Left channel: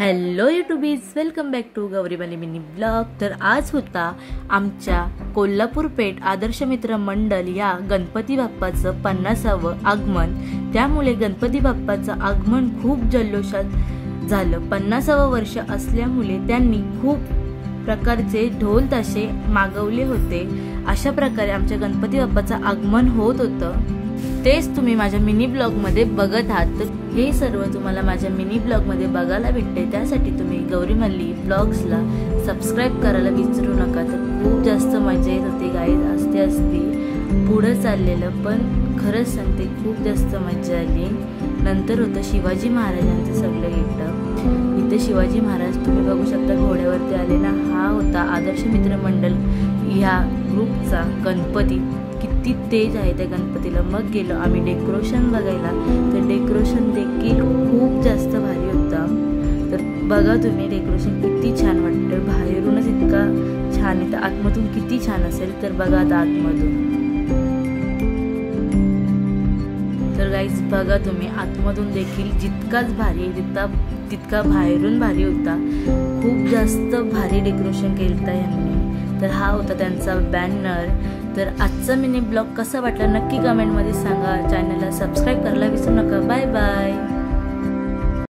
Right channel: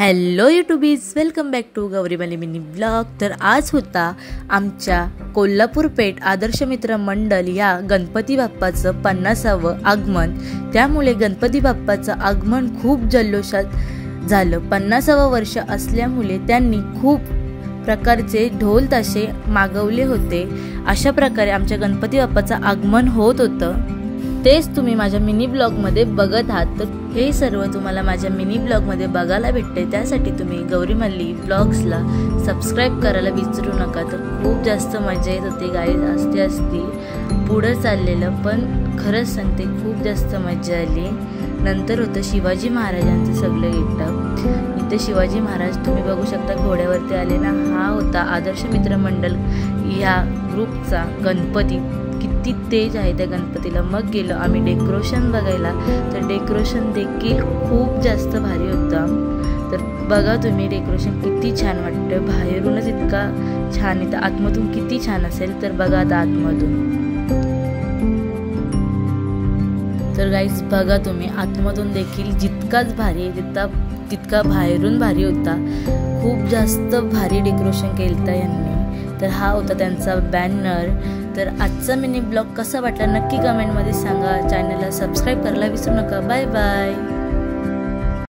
Hello YouTubies, welcome back to Gauribali mini blog. तर आज होता आमच्या कोल्हापूर पेठ आदर्श मित्र मंडळ या गणपती बाप्पाचं 50वे आगमन। त्यामुळे गणपती बाप्पाचं आगमन खूप जल्लोषात झालं। 50वे वर्ष असल्यामुळे त्यांनी खूप प्रकारचे ढोल ताशे मागवले होते। अशा प्रकारे आमच्या गणपती बाप्पाचं आगमन होत होतं। तेच तुम्ही माझ्या मिनी ब्लॉग मध्ये बघत आहात। तर हे सर्व तुम्हाला माझ्या मिनी ब्लॉग मध्ये बघायला भेटते। त्यासाठी तुम्ही गौरीमल्ली ब्लॉग्सला सबस्क्राइब करायला विसरू नका। तर खूप जास्त मजा येत होती गाईज। असते पुढे चाललेलं, पण खरंच सांगते खूप जास्त मजा आली। नंतर होतं शिवाजी महाराजांचं सगळं गेटअप। इथे शिवाजी महाराज तुम्ही बघू शकता घोड्यावरती आले ना। हा होता आदर्श मित्र मंडळ ह्या ग्रुपचा गणपती। किती तेज आहे त्या गणपतीला। मग गेलो आम्ही डेकोरेशन बघायला। तर डेकोरेशन देखील खूप जास्त भारी होता। तर बघा तुम्ही डेकोरेशन किती छान वाटतं। बाहेरूनच इतका छान आहे, तर आतमधून किती छान असेल तर बघा आता आतमधून। तर गाईज बघा तुम्ही आतमधून देखील जितकाच भारी तितका बाहेरून भारी होता। खूप जास्त भारी डेकोरेशन केलं यांनी। तर हा होता त्यांचा बॅनर। तर आजचा मिनी ब्लॉग कसा वाटला नक्की कमेंटमध्ये सांगा। चॅनलला सबस्क्राइब करायला विसरू नका। Bye bye.